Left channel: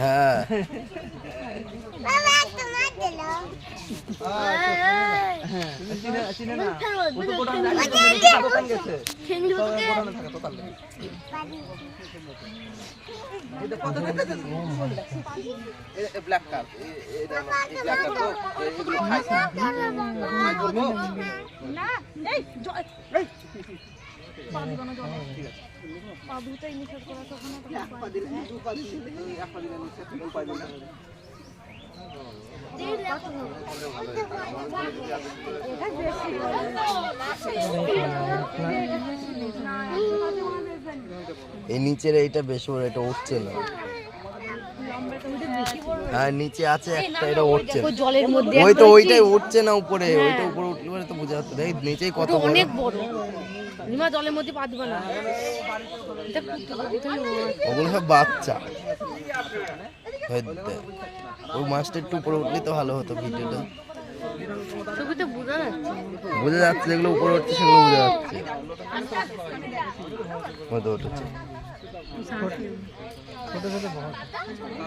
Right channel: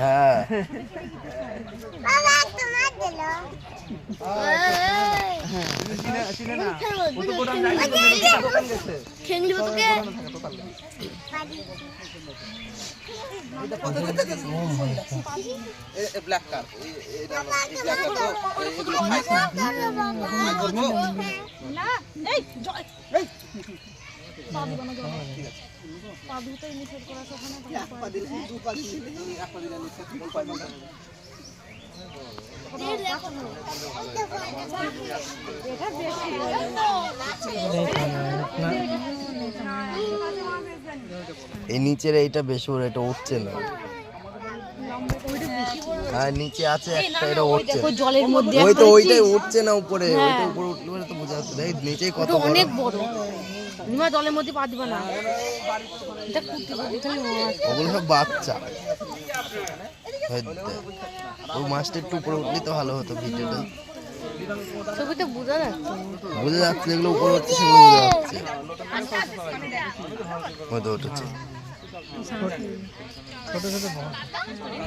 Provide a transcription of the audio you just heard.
হ্যাঁ এই নিচের এইটা বেশি বড়, এটা উঠছে না। হ্যাঁ নিচে আছে একটা, এটা উঠছে জলের মধ্যে, ওই তো ওইটাই উঠছে না উপরে, ওইটা উপরে উঠলে পরে তো বোঝা যাচ্ছে। দেখ নিচেই কত বড়, অনেক বড়। নিমা জলের মধ্যে পা দিবা না, ওগুলো সব বাচ্চা। ওই মাছটা একটু উপরে উঠলে তো ভালো হতো ভিডিওটা। ছবিতে বোঝা যাচ্ছে, বোঝা যাচ্ছে যেগুলো উপরে উঠছে সেগুলো বোঝা যাচ্ছে। হয়তো উঠেছে।